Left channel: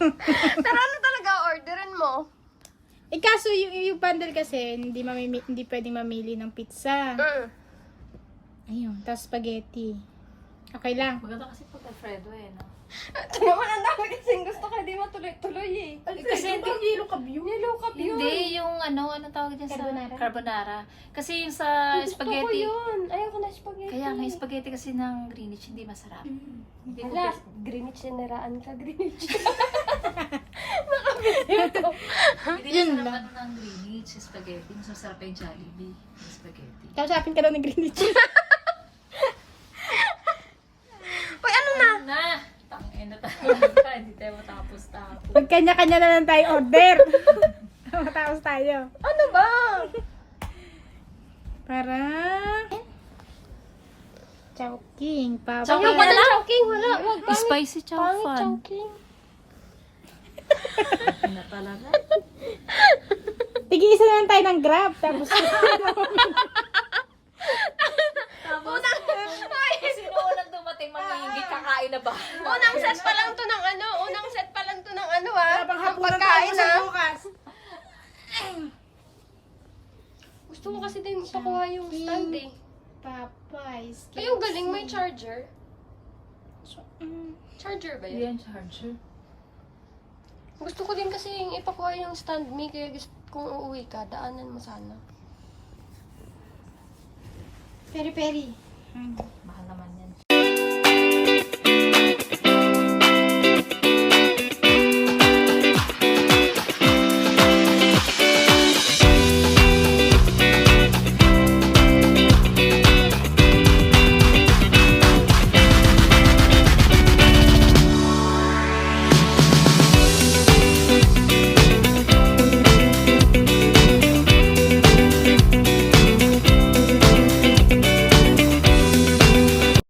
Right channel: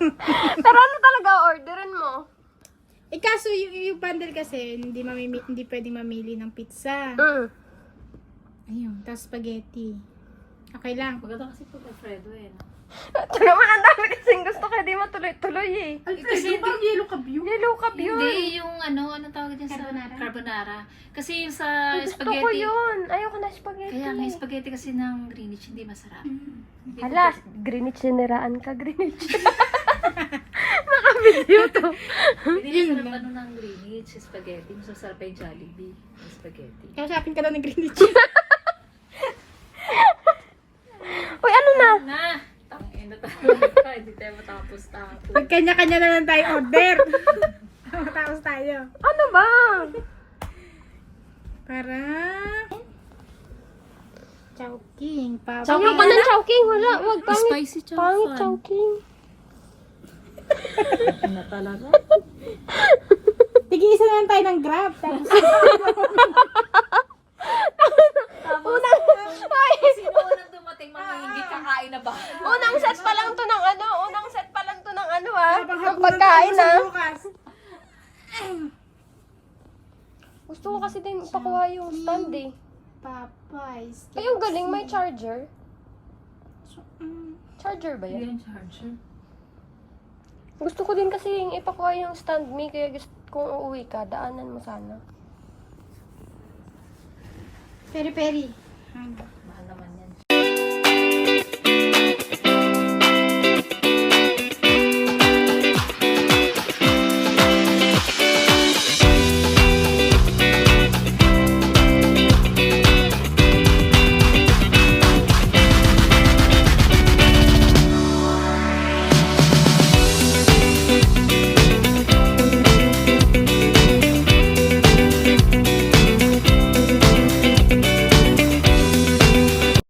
Pero ano talaga orderin mo? Kaso yung bundle kasi, hindi pwedeng mamili ng pizza. Ayun, tapos spaghetti. Okay lang. Maganda kasi pag Alfredo no? Ito naman ang dami kasing gusto kaya di matuloy-tuloy eh. Kasi Parang yellow cup yun. Yellow cup yun. Hindi, yung anong tawag dyan Carbonara? sa carbonara. Kasi yung sa Gusto ko spaghetti. yun. Ayoko na spaghetti. Kaya may spaghetti kasi ng Greenwich hindi masarap. Hindi ko Hala, Greenwich siniraan ka, Greenwich. Naka-video to. Hindi Yun masarap lang. ano ng Greenwich, spaghetti. Mas masarap pa yung Jollibee, yung spaghetti. Kausapin ka na ng Greenwich. Uy, ano na? Na! Tangin na talaga. Hindi tayo matapos. Pag kanya-kanya na lang tayo order. Matapos tayo. Ano ba? Para... Chowking. Papa. Ayoko na chowking. Wala. Spicy chow Pangit fan. chowking. Ano talaga? Tig-isa na lang tayo ng Grab. Tapos... Unang, ay, Sino unang dumating mamahingit kakain na ba? unang set pa lang to ng ano. Unang set pa lang to ng ano Habang ng hapunan pagkain tayo sa ah. bukas. Gusto ko kasi din ipakuha yung stand eh. Popeyes. Ay, yung galing may charger. Mm. Charger ba yan? Yan, charger. Gusto ko din kasi yung ipakuha yung stand me, kaya gusto kung uuwi ka, daanan mo sana. Peri-peri. Mahal naman